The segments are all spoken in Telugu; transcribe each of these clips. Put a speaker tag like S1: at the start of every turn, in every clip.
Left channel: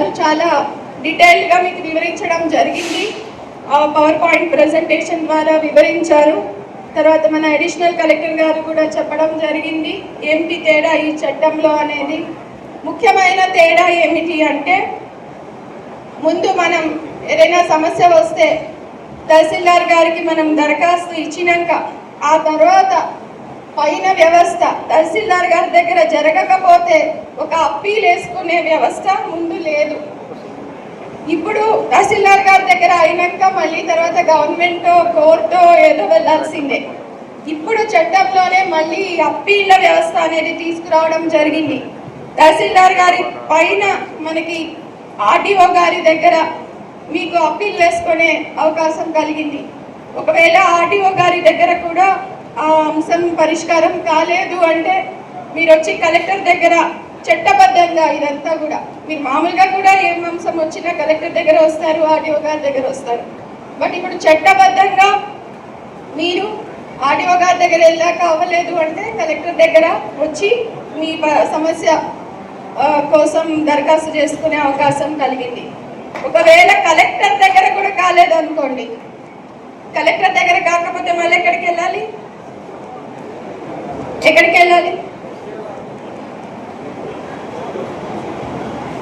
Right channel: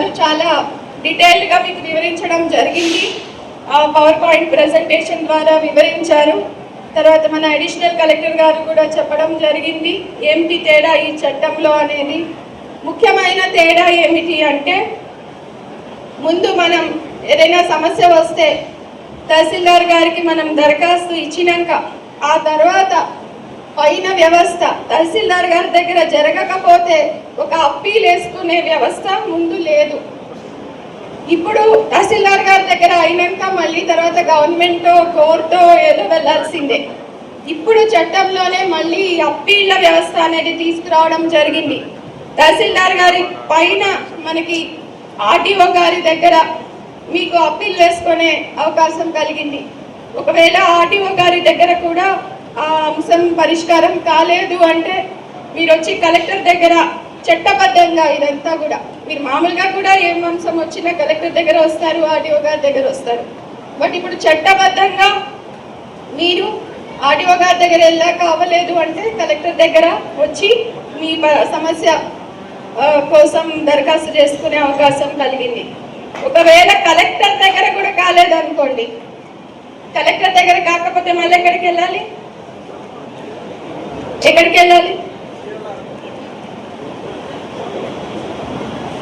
S1: గారు చాలా డీటెయిల్డ్గా మీకు వివరించడం జరిగింది. ఆ పవర్ పాయింట్ ప్రజెంటేషన్ ద్వారా వివరించారు. తర్వాత మన అడిషనల్ కలెక్టర్ గారు కూడా చెప్పడం జరిగింది. ఏమిటి తేడా ఈ చట్టంలో అనేది? ముఖ్యమైన తేడా ఏమిటి అంటే ముందు మనం ఏదైనా సమస్య వస్తే తహసీల్దార్ గారికి మనం దరఖాస్తు ఇచ్చినాక ఆ తర్వాత పైన వ్యవస్థ. తహసీల్దార్ గారి దగ్గర జరగకపోతే ఒక అప్పీల్ వేసుకునే వ్యవస్థ ముందు లేదు. ఇప్పుడు తహసీల్దార్ గారి దగ్గర అయినాక మళ్ళీ తర్వాత గవర్నమెంట్ కోర్టు ఏదో వెళ్ళాల్సిందే. ఇప్పుడు చట్టంలోనే మళ్ళీ అప్పీళ్ళ వ్యవస్థ అనేది తీసుకురావడం జరిగింది. తహసీల్దార్ గారి పైన మనకి ఆర్టీఓ గారి దగ్గర మీకు అప్పీల్ వేసుకునే అవకాశం కలిగింది. ఒకవేళ ఆర్టీఓ గారి దగ్గర కూడా ఆ అంశం పరిష్కారం కాలేదు అంటే మీరు వచ్చి కలెక్టర్ దగ్గర చట్టబద్ధంగా ఇదంతా కూడా మీరు మామూలుగా కూడా ఏం అంశం వచ్చినా కలెక్టర్ దగ్గర వస్తారు ఆడియో గారి దగ్గర వస్తారు. బట్ ఇప్పుడు చట్టబద్ధంగా మీరు ఆడియో గారి దగ్గర వెళ్ళాక అవ్వలేదు అంటే కలెక్టర్ దగ్గర వచ్చి మీ సమస్య కోసం దరఖాస్తు చేసుకునే అవకాశం కలిగింది. ఒకవేళ కలెక్టర్ దగ్గర కూడా కాలేదు అనుకోండి కలెక్టర్ దగ్గర కాకపోతే మళ్ళీ ఎక్కడికి వెళ్ళాలి? ఎక్కడికి వెళ్ళాలి?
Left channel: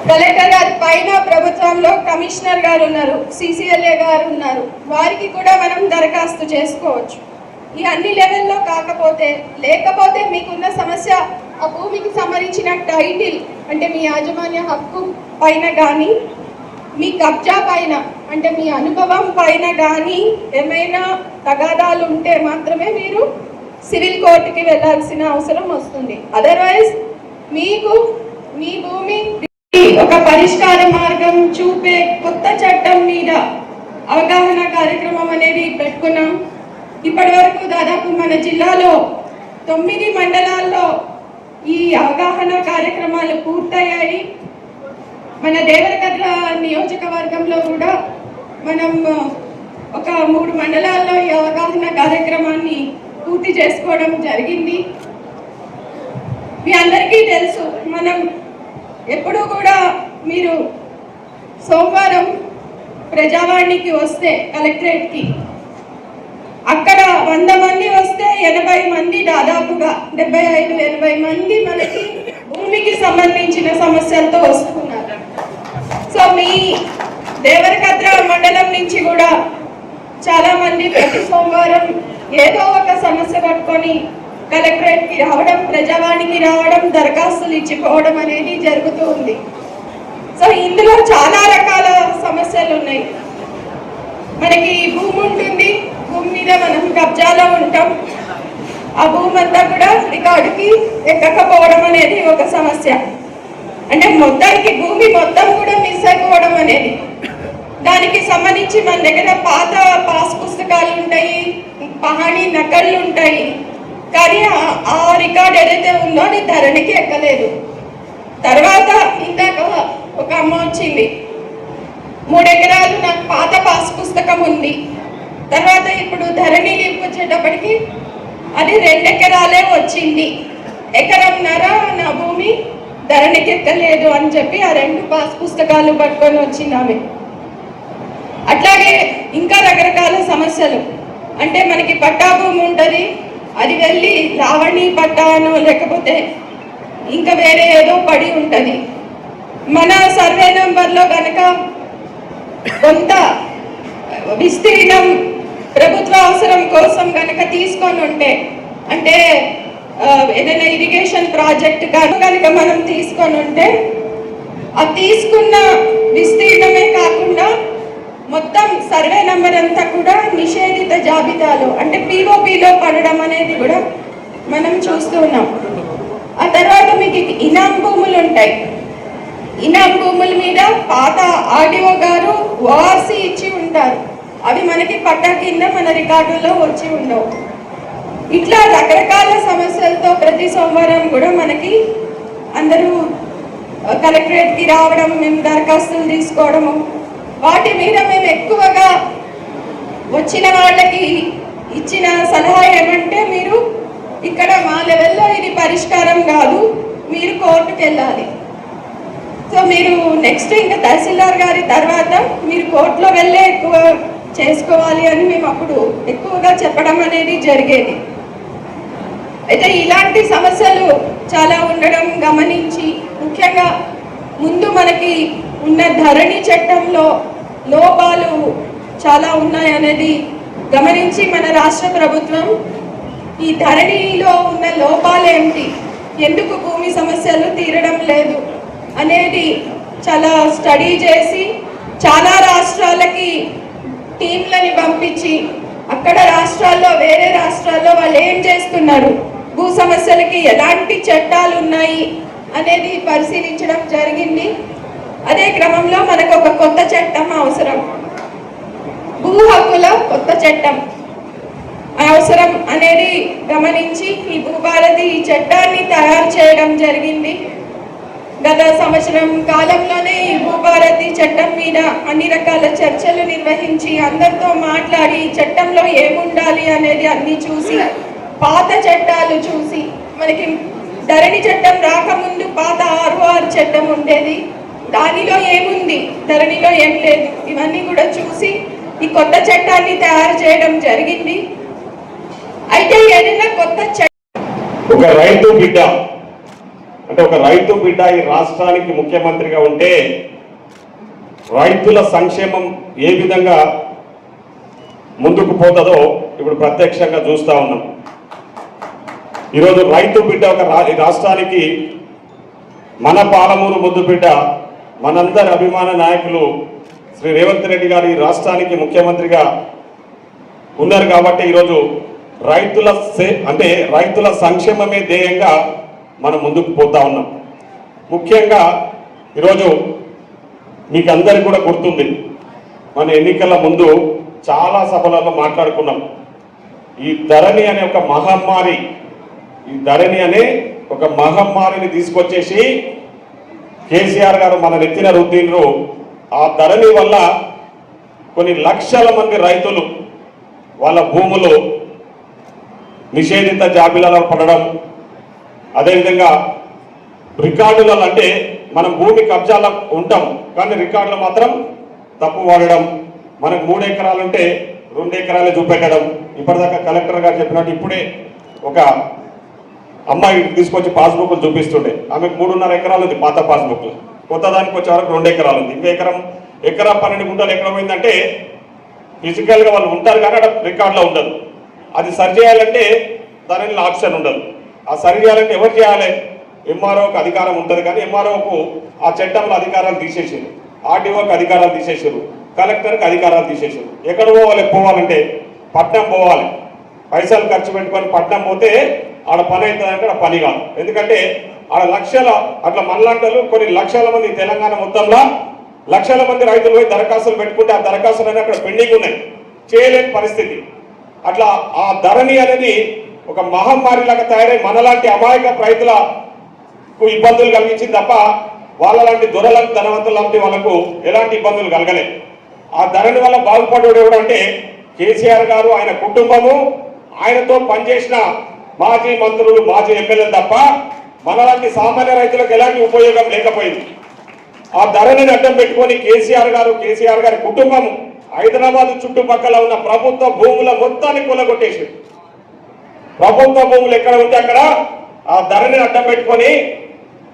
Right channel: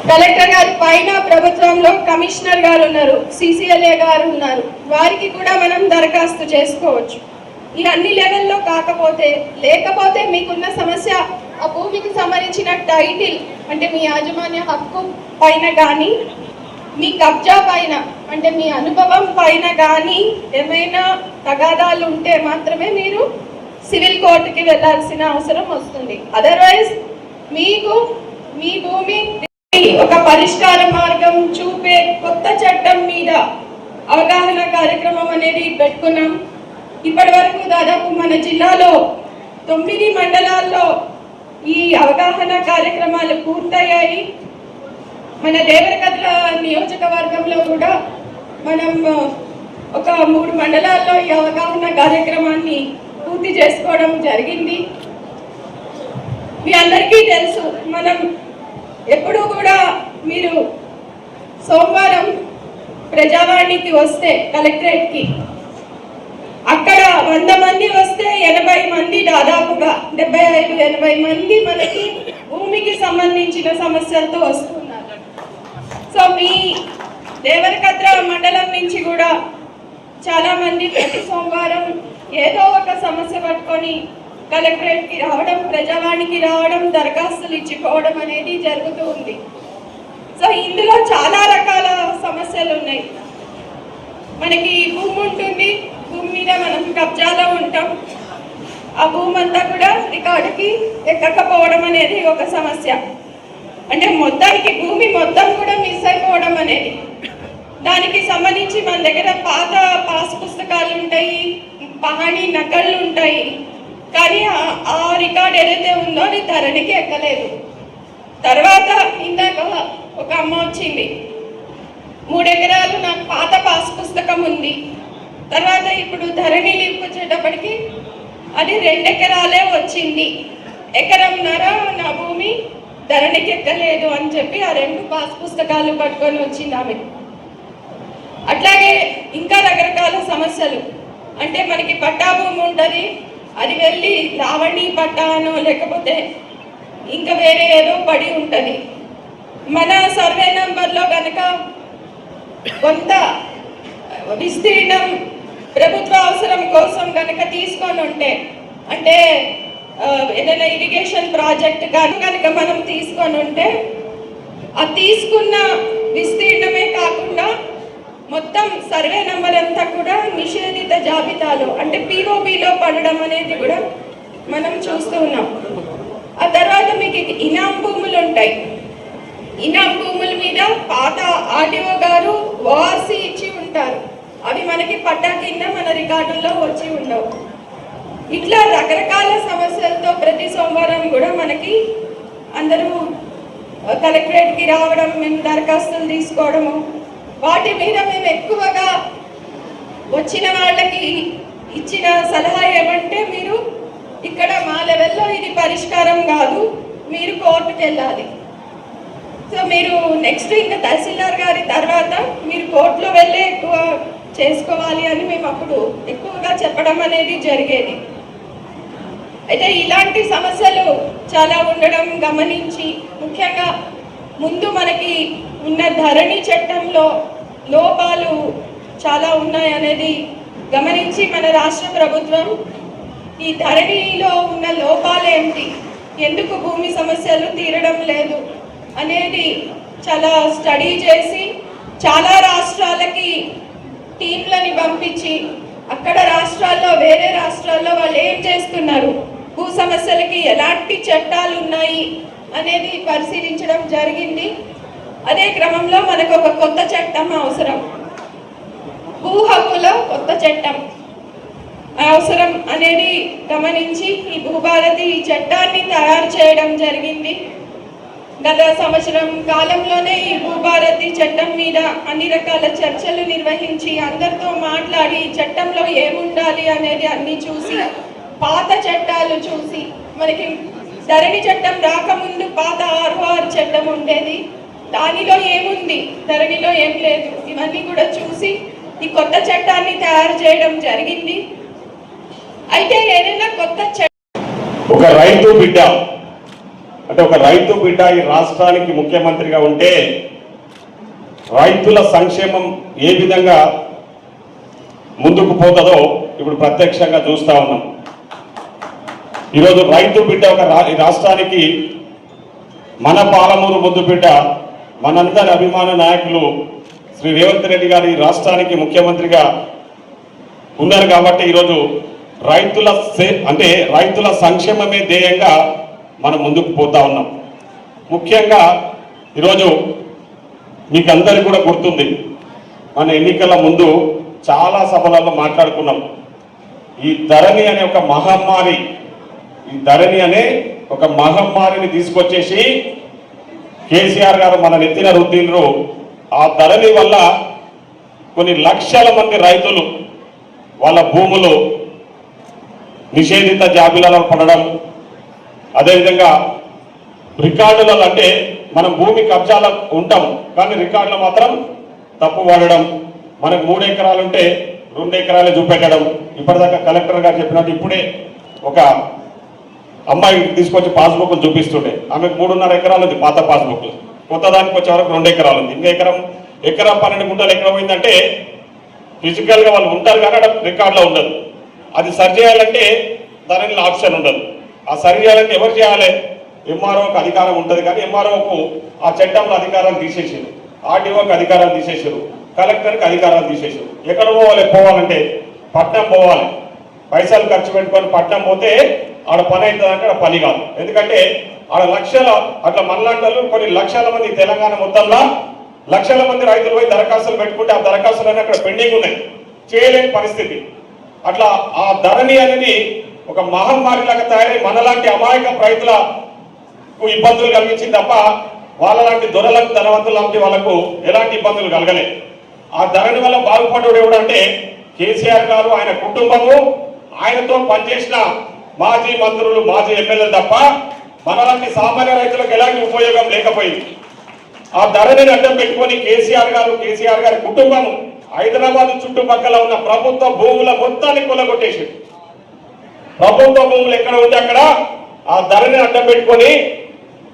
S1: కలెక్టర్ గారి పైన ప్రభుత్వంలో కమిషనర్ గారు ఉన్నారు సిసిఎల్ఏ గారు ఉన్నారు. వారికి కూడా మనం దరఖాస్తు చేసుకోవచ్చు. ఈ అన్ని లెవెల్లో కాకపోతే లేకపోతే మీకున్న సమస్య ఆ భూమికి సంబంధించిన టైటిల్ అంటే మీ యాజమాన్య హక్కు పైన కానీ మీ కబ్జా పైన అంటే మీ అనుభవం పైన కానీ ఏమైనా తగాదాలు ఉంటే మాత్రమే మీరు సివిల్ కోర్టుకి వెళ్ళాల్సిన అవసరం వస్తుంది. అదర్వైజ్ మీకు మీ భూమి ఒక పరిష్కార మార్గం చూపే కొత్త చట్టం మీద అవగాహన కార్యక్రమం అనేది పెట్టుకున్నాం. ఇప్పటి వరకు దాదాపు మన జిల్లాలో తొమ్మిది మండలాల్లో ఈ అవగాహన కార్యక్రమాలు పూర్తయ్యాయి. మన దేవరకద్ర నియోజకవర్గంలో కూడా మనం ఒక మూడు మండలాల్లో ఈ అవగాహన కార్యక్రమాన్ని పూర్తి చేసుకోవడం జరిగింది. మీ అందరికీ తెలుసు మనం ఎప్పుడూ కూడా మీరు సోమవారం ప్రజావాణికి వస్తే కలెక్టరేట్కి అక్కడ వంద మంది వస్తే ఎనభై మంది దాదాపుగా డెబ్బై ఐదు ఎనభై మంది మనకి భూమికి సంబంధించిన సమస్యలతో వస్తున్నారు. సో మీ దేవరకత్ర మండలం నుంచి కూడా చాలా మంది ప్రతి సోమవారం ఏదో ఒక సమస్య పట్టుకొని కలెక్టరేట్కి రావడం ప్రజావాణికి రావడం దరఖాస్తులు ఇచ్చిపోవడం అనేది జరుగుతూ ఉంది. సో ఇందులో చాలా రకాల సమస్యలు ఉన్నాయి. మనకి భూమి ఉంటుంది. భూమి మీద మనం కబ్జాలో ఉంటాం. ఆ భూమి అంతా కూడా రికార్డుకి ఎక్కకపోవడం అనేది ఒక సమస్య. అంటే మొత్తానికి భూమి మొత్తం కూడా మిస్ అయిపోవడం అనేది. దానికి సంబంధించి మన దగ్గర పాత పాస్ పుస్తకాలు ఉంటాయి. మహాని నకళ్ళు ఉంటాయి. కానీ ఆ- రికార్డ్ ఏదైతే ఉందో అది ధరణికి ఎక్కలేదు. తర్వాత ఇందాక ఒక అమ్మ వచ్చింది. మూడెకరాలు నాకు పాత పాస్ పుస్తకం ఉంది. తర్వాత ఇప్పుడు ధరణి లింక్ వచ్చేటప్పటికి అది రెండు ఎకరాలే వచ్చింది ఎకరంన్నర నా భూమి ధరణికి ఎక్కలేదు అని చెప్పి ఆ రెండు పాస్ పుస్తకాలు పట్టుకొని వచ్చింది ఆమె. అట్లాగే ఇంకా రకరకాల సమస్యలు. అంటే మనకి పట్టా భూమి ఉంటుంది. అది వెళ్ళి లావణి పట్టాను లేకపోతే ఇంకా వేరే ఏదో పడి ఉంటుంది. మన సర్వే నెంబర్లో కనుక కొంత విస్తీర్ణం ప్రభుత్వ అవసరం కోసం కనుక తీసుకొని ఉంటే అంటే ఏదైనా ఇరిగేషన్ ప్రాజెక్ట్ కనుక మనం తీసుకొని ఉంటే ఆ తీసుకున్న విస్తీర్ణమే కాకుండా మొత్తం సర్వే నెంబర్ అంతా కూడా నిషేధిత జాబితాలో అంటే పిఓపిలో పడడం అనేది కూడా మనం చూస్తూ ఉన్నాం. ఆ తర్వాత మీకు ఇనాం భూములు ఉంటాయి. ఇనాం భూముల మీద పాత ఆర్డిఓ గారు ఓఆర్సీ ఇచ్చి ఉంటారు. అవి మనకి పట్టా కింద మన రికార్డుల్లో వచ్చి ఉండవు. ఇట్లా రకరకాల సమస్యలతో ప్రతి సోమవారం కూడా మనకి అందరూ కలెక్టరేట్కి రావడం మేము దరఖాస్తులు తీసుకోవడము వాటి మీద మేము ఎక్కువగా వచ్చిన వాళ్ళకి ఇచ్చిన సలహా ఏమంటే మీరు ఇక్కడ మా లెవెల్లో ఇది పరిష్కారం కాదు మీరు కోర్టుకు వెళ్ళాలి. సో మీరు నెక్స్ట్ ఇంకా తహసీల్దార్ గారి తర్వాత మీరు కోర్టులో వెళ్ళే ఎక్కువ చేసుకోవాలి అని మేము అప్పుడు ఎక్కువగా చెప్పడం అనేది జరిగేది. అయితే ఇలాంటి సమస్యలు చాలా ఉండడం గమనించి ముఖ్యంగా ముందు మనకి ఉన్న ధరణి చట్టంలో లోపాలు చాలా ఉన్నాయనేది గమనించి మన రాష్ట్ర ప్రభుత్వం ఈ ధరణిలో ఉన్న లోపాలేంటి ఎందుకు భూమి సమస్యలు తీరడం లేదు? అనేది చాలా స్టడీ చేసి చాలా రాష్ట్రాలకి టీంలని పంపించి అక్కడ రాష్ట్రాల్లో వేరే రాష్ట్రాల్లో వాళ్ళు ఏం చేస్తున్నారు? భూ సమస్యలకి ఎలాంటి చట్టాలు ఉన్నాయి? అనేది పరిశీలించడం జరిగింది. అదే క్రమంలో మనకు ఒక కొత్త చట్టం అవసరం. భూ హక్కుల కొత్త చట్టం అవసరం అనేది గమనించి ఈ భూభారతి ఈ చట్టాన్ని తయారు చేయడం జరిగింది. గత సంవత్సరం కాలంలోనే ఈ భూభారతి చట్టం మీద అన్ని రకాల చర్చలు నిర్వహించి అందరితో మాట్లాడి ఈ చట్టంలో ఏముండాలి అనేది అన్ని చూసి పాత చట్టాలు చూసి మనకి ధరణి చట్టం రాకముందు పాత ఆర్ఓఆర్ చట్టం ఉండేది. దానిలో ఏముంది? ధరణిలో ఏం లేదు. ఇవన్నీ కూడా చూసి ఈ కొత్త చట్టాన్ని తయారు చేయడం జరిగింది. అయితే ఏదైనా కొత్త చట్టం
S2: ఒక రైతు బిడ్డ అంటే ఒక రైతు బిడ్డ ఈ రాష్ట్రానికి ముఖ్యమంత్రిగా ఉంటే రైతుల సంక్షేమం ఏ విధంగా ముందుకు పోతుందో ఇప్పుడు ప్రత్యక్షంగా చూస్తా ఉన్నాం. ఈరోజు రైతు బిడ్డ ఒక రాష్ట్రానికి మన పాలమూరు ముద్దు బిడ్డ మనందరి అభిమాన నాయకులు శ్రీ రేవంత్ రెడ్డి గారి రాష్ట్రానికి ముఖ్యమంత్రిగా ఉన్నారు కాబట్టి ఈరోజు రైతుల సే- అంటే రైతుల సంక్షేమమే ధ్యేయంగా మనం ముందుకు పోతా ఉన్నాం. ముఖ్యంగా ఈరోజు మీకు అందరికీ కూడా గుర్తుంది మన ఎన్నికల ముందు చాలా సభలలో మాట్లాడుకున్నాం. ఈ ధరణి అనే ఒక మహమ్మారి ఈ ధరణి అనే ఒక మహమ్మారిని తీసుకొచ్చేసి కేసీఆర్ గారు మన ఎత్తిన రుద్దిండ్రు. ఆ ధరణి వల్ల కొన్ని లక్షల మంది రైతులు వాళ్ళ భూములు నిషేధిత జాబితాలో పడడం. అదేవిధంగా రికార్డులలో అంటే మనం భూమి కబ్జాల ఉంటాం కానీ రికార్డులు మాత్రం తప్పు వాడడం. మనకు మూడు ఎకరాలు ఉంటే రెండు ఎకరాలే చూపెట్టడం. ఇప్పటిదాకా కలెక్టర్ గారు చెప్పినట్టు ఇప్పుడే ఒక అమ్మాయి తీసుకొచ్చి పాస్బుక్ చూపిస్తుండే. ఆమె మూడున్నర ఎకరాలు ఉంది పాత పాస్బుక్. కొత్త దానికి వచ్చే వరకు రెండు ఎకరాలు ఉంది. ఇంకా ఎకరం ఎకరం పన్నెండు గుంటలు ఎకరం అయిందంటే ఫిజికల్గా వాళ్ళు ఉంటారు కానీ అక్కడ రికార్డులో ఉండదు. అది సరి చేయాలంటే దానిలో ఆప్షన్ ఉండదు. ఆ సరి చేయాలంటే ఎవరు చేయాలి? ఎంఆర్ఓకి అధికారం ఉంటుంది కానీ ఎంఆర్ఓకు ఆ చట్టంలో అధికారాలు తీసేసారు ఆర్టీఓకి అధికారాలు తీసేసారు కలెక్టర్కి అధికారాలు తీసేసారు ఎక్కడ పోవాలి? పోవాలంటే పట్నం పోవాలి. పైసలు ఖర్చు పెట్టుకొని పట్నం పోతే ఆడ పని అవుతుంది అంటే పని కాదు. ఎందుకంటే ఆడ లక్షల అట్లా మళ్ళాంటలు కొన్ని లక్షల మంది తెలంగాణ మొత్తంలో లక్షల మంది రైతులు పోయి దరఖాస్తులు పెట్టుకుంటే ఆ దరఖాస్తులు అక్కడ పెండింగ్ ఉన్నాయి. చేయలేని పరిస్థితి. అట్లా ఆ ధరణి అనేది ఒక మహమ్మారి లాగా తయారై మనలాంటి అమాయక రైతులకు ఇబ్బందులు కలిగించింది తప్ప వాళ్ళ లాంటి దొరలకు ధనవంతులు లాంటి వాళ్ళకు ఎలాంటి ఇబ్బందులు కలగలేదు. ఆ ధరణి వల్ల బాగుపడేవాడు ఎవడంటే కేసీఆర్ గారు ఆయన కుటుంబము ఆయనతో పనిచేసిన మాజీ మంత్రులు మాజీ ఎమ్మెల్యేలు తప్ప మనలాంటి సామాన్య రైతులకు ఎలాంటి ఉపయోగం లేకపోయింది. ఆ ధరని అడ్డం పెట్టుకొని కేసీఆర్ గారు కేసీఆర్ గారి కుటుంబం హైదరాబాద్ చుట్టుపక్కల ఉన్న ప్రభుత్వ భూముల మొత్తాన్ని కొల్లగొట్టేసి ప్రభుత్వ భూములు ఎక్కడ ఉంటే అక్కడ ఆ ధరని అడ్డం పెట్టుకొని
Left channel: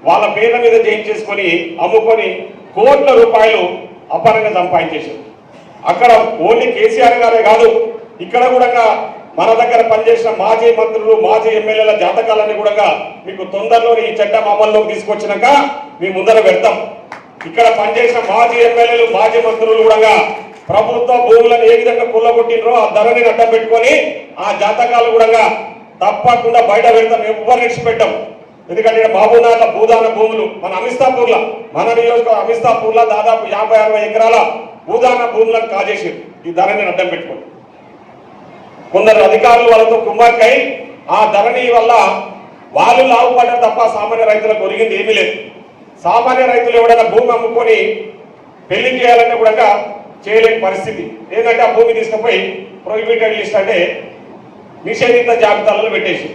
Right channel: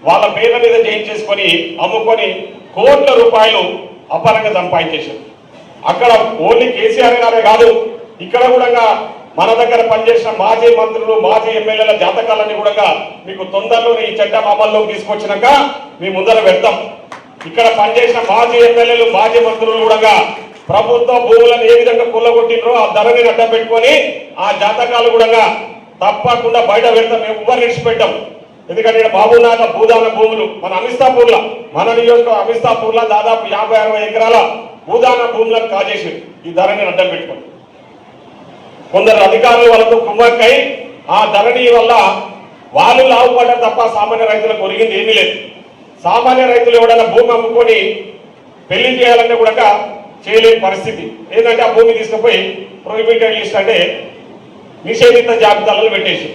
S2: వాళ్ళ పేర్ల మీద చేయించేసుకొని అమ్ముకొని కోట్ల రూపాయలు అపరంగా సంపాదించేశారు అక్కడ ఓన్లీ కేసీఆర్ గారే కాదు ఇక్కడ కూడా మన దగ్గర పనిచేసిన మాజీ మంత్రులు మాజీ ఎమ్మెల్యేల జాతకాలన్నీ కూడా మీకు తొందరలో ఈ చట్టం అమల్లోకి తీసుకొచ్చినాక మీ ముందర పెడతాం. ఇక్కడ పనిచేసిన మాజీ ఎమ్మెల్యేలు మాజీ మంత్రులు కూడా ప్రభుత్వ భూములను ఏ విధంగా కుల్లగొట్టినో ఆ ధరని అడ్డం పెట్టుకొని ఆ జాతకాలు కూడా తప్పకుండా బయట పెడతాం. ఎవ్వరు విడిచిపెట్టాం. ఎందుకంటే బాబునాథ భూదాన భూములు మన అమిస్తాపూర్లో మన నియోజక అమిస్తాపూర్లో దాదాపు యాభై అరవై ఎకరాల భూదాన భూములను కాజేసి ఈ ధరని అడ్డం పెట్టుకొని. కొందరు అధికారులు వాళ్ళతో కుమ్మక్కై ఆ ధరణి వల్ల వాళ్ళు లాభపడ్డారు తప్ప సామాన్య రైతులకు ఒరిగింది ఏమీ లేదు. సామాన్య రైతులు ఎవడన్నా భూమి అమ్ముకొని పెళ్ళి చేయాలంటే కూడా చేయలేని పరిస్థితి. ఏదంటే ఆ భూమి తీసుకుపోయి ప్రొహిబిటెడ్ లిస్ట్ అంటే నిషేధిత జాబితాలలో పెట్టేసి.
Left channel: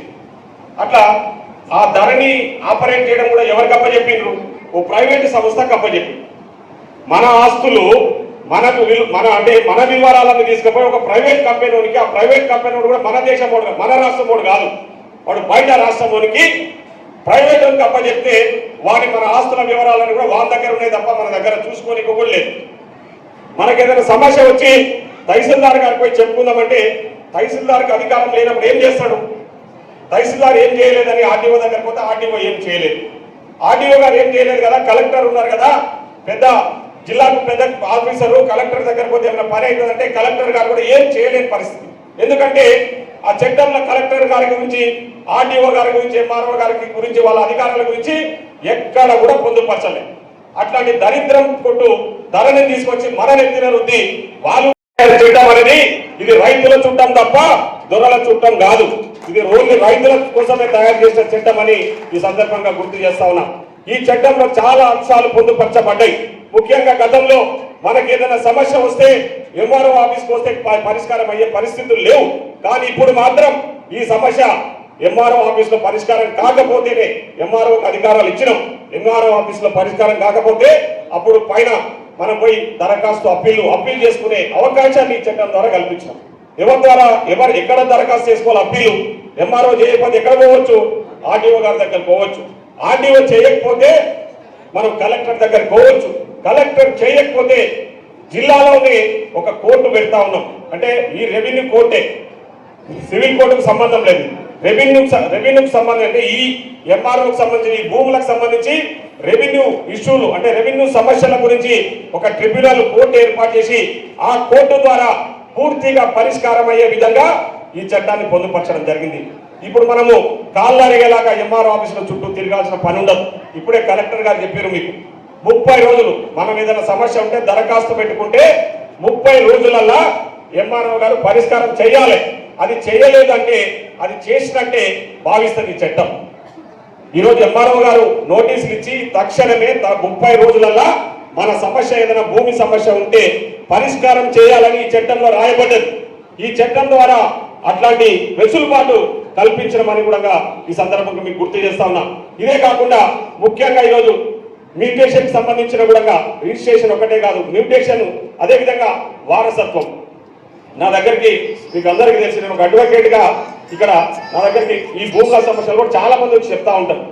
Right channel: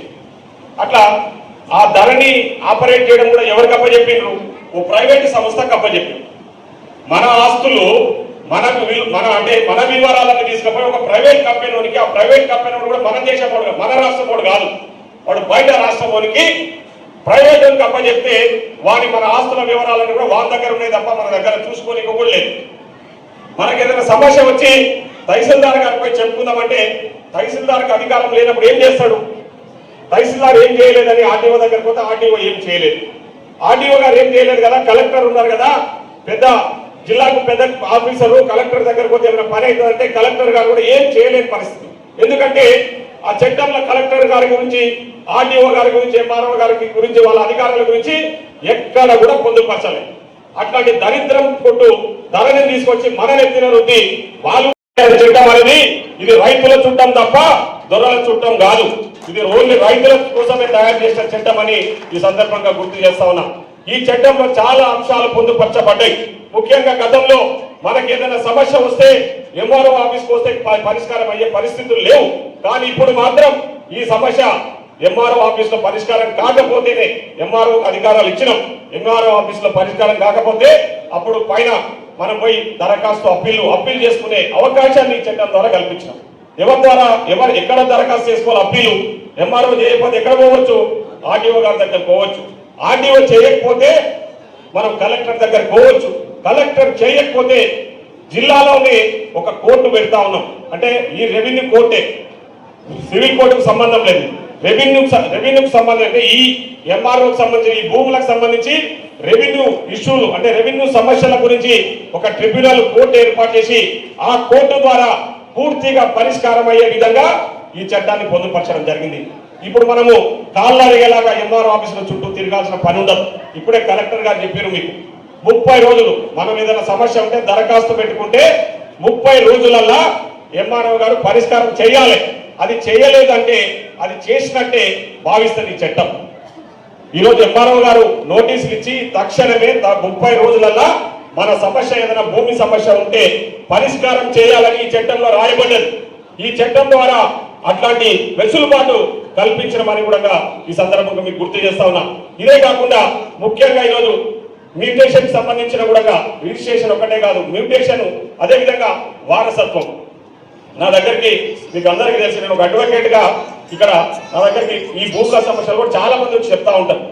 S2: అట్లా ఆ ధరని ఆపరేట్ చేయడం కూడా ఎవరికి అప్పచెప్పిండ్రు ఓ ప్రైవేట్ సంస్థకు అప్పచెప్పిండ్రు మన ఆస్తులు మనకు మన అంటే మన వివరాలను తీసుకుపోయి ఒక ప్రైవేట్ కంపెనీ ఆ ప్రైవేట్ కంపెనీ కూడా మన దేశం వాడు మన రాష్ట్రం వాడు కాదు. వాడు బయట రాష్ట్రం వాడికి ప్రైవేట్ వాడికి అప్పచెప్తే వాడి మన ఆస్తుల వివరాలను కూడా వాళ్ళ దగ్గర ఉన్నాయి తప్ప మన దగ్గర చూసుకొని కూడా లేదు. మనకి ఏదైనా సమస్య వచ్చి తహసీల్దార్ గారిపై చెప్పుకుందామంటే తహసీల్దార్కి అధికారం లేనప్పుడు ఏం చేస్తాడు? తహసీల్దార్ ఏం చేయలేదని ఆర్డీఓ దగ్గర పోతే ఆర్డీఓ ఏం చేయలేదు. ఆర్డీఓ గారు ఏం చేయలేదు కదా? కలెక్టర్ ఉన్నారు కదా? పెద్ద జిల్లాకు పెద్ద ఆఫీసరు కలెక్టర్ దగ్గర పోతే ఏమైనా పని అవుతుందంటే కలెక్టర్ గారు కూడా ఏం చేయలేని పరిస్థితి. ఎందుకంటే ఆ చట్టంలో కలెక్టర్ గారి గురించి ఆర్డీఓ గారి గురించి ఎంఆర్ఓ గారి గురించి వాళ్ళ అధికారుల గురించి ఎక్కడ కూడా పొందుపరచలేదు. అట్లాంటి దరిద్రం కొట్టు ధరని తీసుకొచ్చి మన నెత్తిన ఉంది వాళ్ళు చేయడం అనేది ఇది రైతుల చుట్టం తప్ప దొరల చుట్టం కాదు. ఇది ఓన్లీ రైతుల కోసమే తయారు చేసిన చట్టం అని ఈ సందర్భంగా గుర్తు చేస్తా ఉన్నా. ఈ చట్టంలో చాలా అంశాలు పొందుపరచబడ్డాయి. ముఖ్యంగా గతంలో మనకి ఏదైనా సమస్య వస్తే ఎంఆర్ఓ ఆఫీస్కి వస్తే పరిష్కారం అయ్యే పరిస్థితులు లేవు. కానీ ఇప్పుడు మాత్రం ఈ సమస్య ఎంఆర్ఓ ఆఫీస్లో పరిష్కారం కాకపోతేనే ఎంఆర్ఓ అధికారాలు ఇచ్చినాం. ఎంఆర్ఓ ఆఫీస్లో పరిష్కారం కాకపోతే అప్పుడు పైన మనం పోయి దరఖాస్తు అప్పీలు అప్పీల్ చేసుకునే అవకాశాన్ని ఈ చట్టం ద్వారా కల్పించాం ఎవరి ద్వారా ఎవరు ఎక్కడ దరఖాస్తు చేసుకోవాలి అప్పీలు ఎంఆర్ఓ చేయకపోతే ఎక్కడ పోవచ్చు? ఆర్టీఓ గారి దగ్గర పోవచ్చు. ఆర్డీఓ చేయకపోతే మనం కలెక్టర్ దగ్గర పోవచ్చు. కలెక్టర్ చేయకపోతే జిల్లాలోనే ఒక కోర్టు పెడతా ఉన్నాం. అంటే ఈ రెవెన్యూ కోర్టే. సివిల్ కోర్టుకు సంబంధం లేదు. రెవెన్యూ రెవెన్యూకి సంబంధం అంటే ఈ ఎంఆర్ఓకి సంబంధించి ఈ భూములకు సంబంధించి రెవెన్యూ ఇష్యూలు అంటే రెవెన్యూ సమస్యల గురించి ఒక ట్రిబ్యునల్ కోర్టు ఏర్పాటు చేసి ఆ కోర్టు ద్వారా పూర్తిగా పరిష్కారం అయ్యే విధంగా ఈ చట్టాన్ని పొందుపరచడం జరిగింది. ఇప్పుడు మనము కాళ్ళగేలాగా అడిగేలాగా ఎంఆర్ఓ ఆఫీసులో చుట్టూ తిరగాల్సిన పని ఉండదు. ఇప్పుడే కలెక్టర్ గారు చెప్పారు మీకు. ముప్పై రోజులు మనం ఏదైనా సమస్య ఉంటే దరఖాస్తు పెట్టుకుంటే ముప్పై రోజులల్లా ఎంఆర్ఓ గారు పరిష్కారం చేయాలి. అది చేయలేదంటే అది చేసినట్టే భావిస్తుంది ఈ చట్టం. ఈరోజు ఎంఆర్ఓ గారు నోటీసులు ఇచ్చి తక్షణమే ముప్పై రోజులల్లా మన సమస్య ఏదైనా భూమి సమస్య ఉంటే పరిష్కారం చేయాలని ఈ చట్టంలో రాయబడ్డది. ఈ చట్టం ద్వారా అట్లాంటి వెసులుబాటు కల్పించడం కూడా ఈ సందర్భంగా మీకు గుర్తు చేస్తా ఉన్నా. ఇదే కాకుండా ముఖ్యంగా ఈరోజు మ్యూటేషన్ సంబంధించిన కూడా రిజిస్ట్రేషన్ ఒకటే కాదు మ్యూటేషన్ అదే విధంగా వారసత్వం. నా దగ్గరికి మీకు అందరికీ తెలిసి నేను ఒక అడ్వకేట్గా ఇక్కడ నా దగ్గరికి ఈ భూముల సమస్యలు కూడా చాలా మంది వచ్చి చెప్తా ఉంటారు.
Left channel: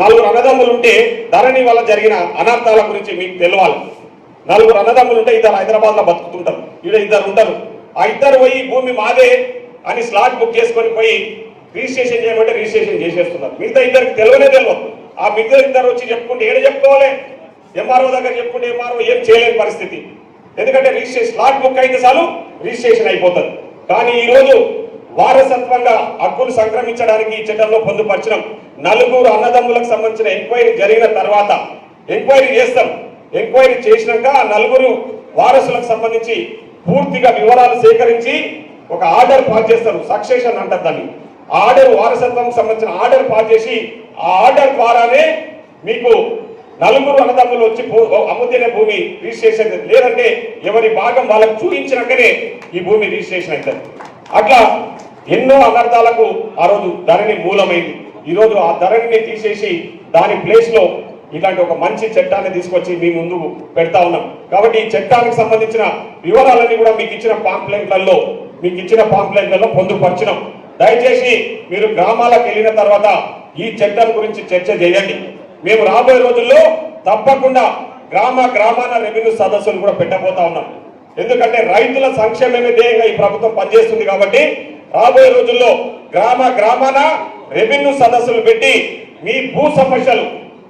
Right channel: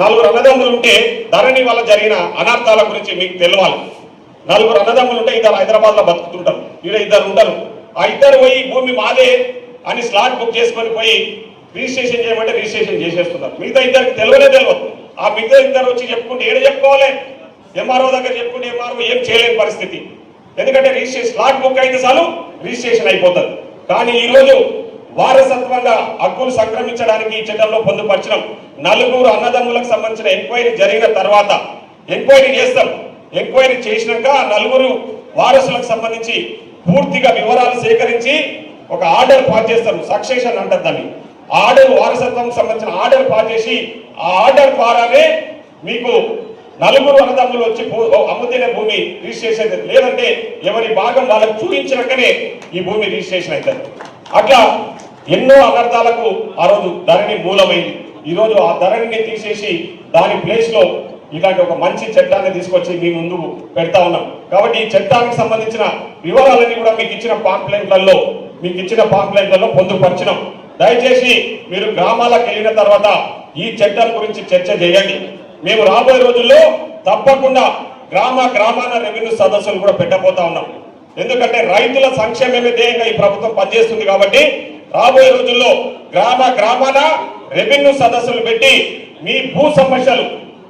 S2: నలుగురు అన్నదమ్ములు ఉంటే ధరణి వల్ల జరిగిన అనార్థాల గురించి మీకు తెలియాలి నలుగురు అన్నదమ్ములు ఉంటే ఇద్దరు హైదరాబాద్లో బతుకుతుంటారు ఇద్దరు ఉంటారు. ఆ ఇద్దరు పోయి భూమి మాదే అని స్లాట్ బుక్ చేసుకొని పోయి రిజిస్ట్రేషన్ చేయమంటే రిజిస్ట్రేషన్ చేసేస్తున్నారు. మిగతా ఇద్దరికి తెలియనే తెలియదు. ఆ మిగతా ఇద్దరు వచ్చి చెప్పుకుంటే ఏడ చెప్పుకోవాలి? ఎంఆర్ఓ దగ్గర చెప్పుకుంటే ఎంఆర్ఓ ఏం చేయలేని పరిస్థితి. ఎందుకంటే రిజిస్ట్రేషన్ స్లాట్ బుక్ అయితే చాలు రిజిస్ట్రేషన్ అయిపోతుంది. కానీ ఈరోజు వారసత్వంగా హక్కులు సంక్రమించడానికి ఈ చట్టంలో పొందుపరచడం నలుగురు అన్నదమ్ములకు సంబంధించిన ఎంక్వైరీ జరిగిన తర్వాత ఎంక్వైరీ చేస్తాం. ఎంక్వైరీ చేసినాక నలుగురు వారసులకు సంబంధించి పూర్తిగా వివరాలు సేకరించి ఒక ఆర్డర్ పాస్ చేస్తారు. సక్సెషన్ అంటారు దాన్ని ఆ ఆర్డర్ వారసత్వం సంబంధించిన ఆర్డర్ పాస్ చేసి ఆ ఆర్డర్ ద్వారానే మీకు నలుగురు అన్నదమ్ములు వచ్చి భూ- భూమి రిజిస్ట్రేషన్ లేదంటే ఎవరి భాగం వాళ్ళకి చూపించినాకనే ఈ భూమి రిజిస్ట్రేషన్ అవుతుంది. అట్లా ఎన్నో అనర్థాలకు ఆ రోజు ధరణి మూలమైంది. ఈ ఆ ధరణిని తీసేసి దాని ప్లేస్లో ఇలాంటి ఒక మంచి చట్టాన్ని తీసుకొచ్చి మీ ముందు పెడతా ఉన్నాం. కాబట్టి ఈ చట్టానికి సంబంధించిన వివరాలన్నీ కూడా మీకు ఇచ్చిన పాంప్లెంట్లలో మీకు ఇచ్చిన పాంప్లెంట్లలో పొందుపరచినాం. దయచేసి మీరు గ్రామాలకు వెళ్ళిన తర్వాత ఈ చట్టం గురించి చర్చ చేయండి. మేము రాబోయే రోజుల్లో తప్పకుండా గ్రామ గ్రామాన రెవెన్యూ సదస్సులు కూడా పెట్టబోతా ఉన్నాం. ఎందుకంటే రైతుల సంక్షేమమే ధ్యేయంగా ఈ ప్రభుత్వం పనిచేస్తుంది కాబట్టి రాబోయే రోజుల్లో గ్రామ గ్రామాన రెవెన్యూ సదస్సులు పెట్టి మీ భూ సమస్యలు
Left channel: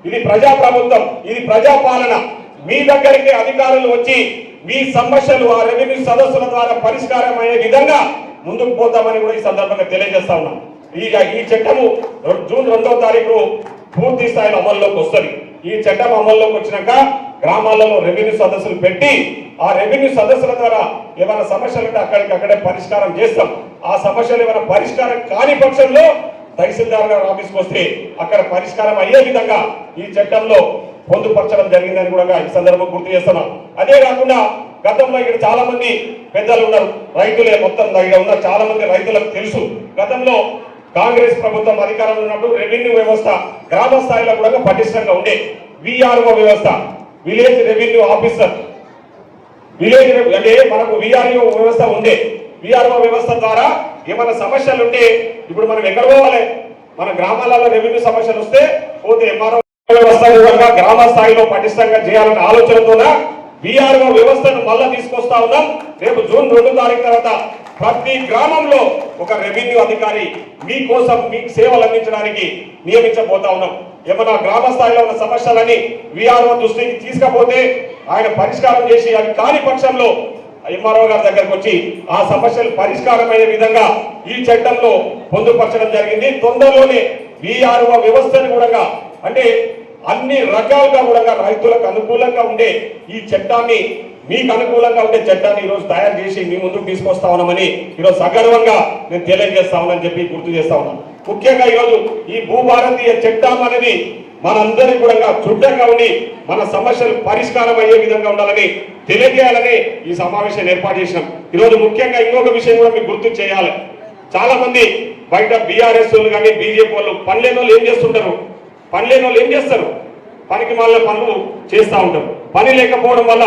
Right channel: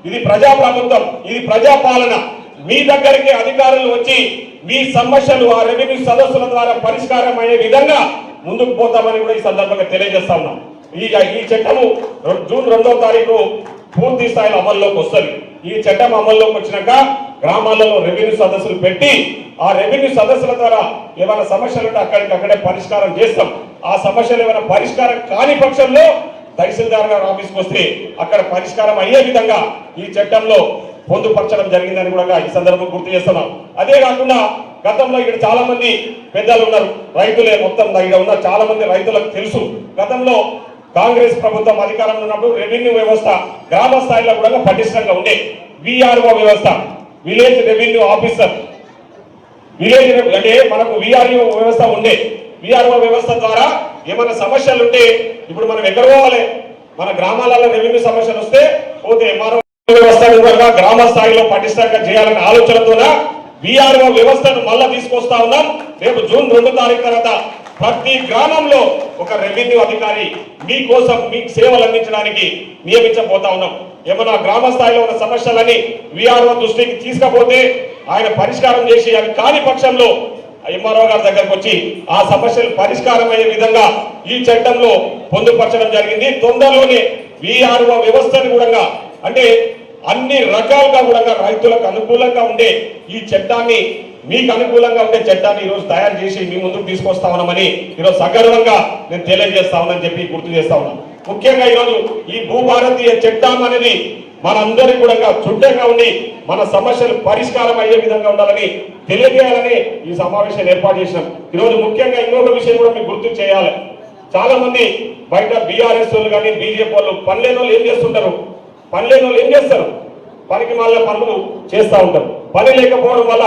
S2: ఇది ప్రజా ప్రభుత్వం ఇది ప్రజాపాలన. మీ దగ్గరికి అధికారులు వచ్చి మీ సమస్యలు ఆ రెవెన్యూ సదస్సుల ద్వారా పరిష్కారం అయ్యే విధంగా ముందుకు పోతామని కూడా ఈ సందర్భంగా తెలియజేస్తా ఉన్నాం. ఈ ఈ చట్టము జూన్ రెండవ తారీఖు పూర్తి స్థాయిలో అమల్లోకి వస్తుంది. ఈ చట్టం అమల్లోకి వచ్చినాక గ్రామాలలో రెవెన్యూ సదస్సులు పెట్టి ఆ రెవెన్యూ సదస్సుల ద్వారా ఏమైనా సమస్యలు ఉంటే అక్కడికక్కడే పరిష్కారం చేస్తాం. ఆ సమస్యలు ఏమైనా పరిష్కారం కాని పక్షంలో తహసీల్దార్ గారు ఆఫీస్కి వస్తే అక్కడ పరిష్కారం అయ్యే విధంగా ఈ చట్టంలో పొందుపరచడం జరిగిందని కూడా ఈ సందర్భం గుర్తు చేస్తున్నాం. అదే కాకుండా గతంలో ఇక్కడ చాలా మంది పెద్దలు ఉన్నారు. రైతులే మొత్తం ఇక్కడ ఉన్న చాలా మంది రైతులకు తెలుసు. గతంలో కాంగ్రెస్ ప్రభుత్వం అధికారంలో ఉన్నప్పుడు రెవెన్యూ వ్యవస్థ గ్రామ స్థాయిలో కూడా పటిష్టంగా ఉండే విఆర్ఓ వ్యవస్థ విలేజ్ రెవెన్యూ ఆఫీసర్ విలేజ్ అంటే మనకు విఆర్ఓ వ్యవస్థ ఉండే విఆర్ఓ వ్యవస్థ ద్వారా ఏమైనా సమస్యలు ఉంటే ఇప్పుడు మనం ఎక్కడ పోవాలి? మన గ్రామాలలో రెవెన్యూ సమస్యలు వస్తే పోతే ఎంఆర్ఓ వ్యవస్థ గ్రామ స్థాయిలో పటిష్టంగా చేయాలనే ఆలోచనతో విఆర్ఓ వ్యవస్థను మళ్ళా తీసుకొస్తా ఉన్నాం. రేపు జూన్ రెండు తారీఖు తర్వాత ప్రతి గ్రామంలో ఒక రెవెన్యూ అధికారి మీకోసం మీకు సేవలు అందించడానికి నియమించబోతా ఉన్నాం. ఏమన్నా గ్రామ స్థాయిలో ఉన్న సమస్యలని విఆర్ఓ దృష్టికి తీసుకపోతే ఆయన పరిష్కారం చేసి అవి కాని పక్షంలో ఎంఆర్ఓ గారి దగ్గరకు వచ్చి ఆ సమస్యలు పరిష్కారమయ్యే విధంగా ఈ చట్టంలో పొందుపరచడం జరిగింది. తొందరలోనే విఆర్ఓ వ్యవస్థను కూడా అంటే అన్ని రకాలుగా కూడా రైతులకు అనుకూలంగా ఉండే ఈ చట్టాన్ని మీకు అనుకూలంగా ఉండే చట్టాన్ని ఈరోజు తయారు చేసి మీ ముందుకు తీసుకొస్తా ఉన్నామని ఈరోజు సగర్వంగా నేను తెలియజేస్తా ఉన్నానని చెప్పి గుర్తు చేస్తా ఉన్నాను. ముఖ్యంగా ఈరోజు ఈ భూభారతీయ చట్టం అనేది మనందరికీ కూడా చుట్టంగా ఉండి మన సమస్యలు పరిష్కారం అయ్యే విధంగా ఉండాలని తెలియజేయాలని ఈ సమావేశాన్ని ఏర్పాటు చేసినాం. ఈరోజు ముఖ్యంగా ఇంకొక విషయం కూడా మీకు గుర్తు చేయాలి. చాలా మంది బయట బీఆర్ఎస్ వాళ్ళు కానీ బీజేపీ వాళ్ళు పనిలేని వాళ్ళు ఏం చేస్తుంటారు? పనిలేని వాళ్ళు ఏం చేస్తారు? పనికి వాళ్ళ పనులు చేస్తూ ఉంటారు. పని లేకపోవడం వల్ల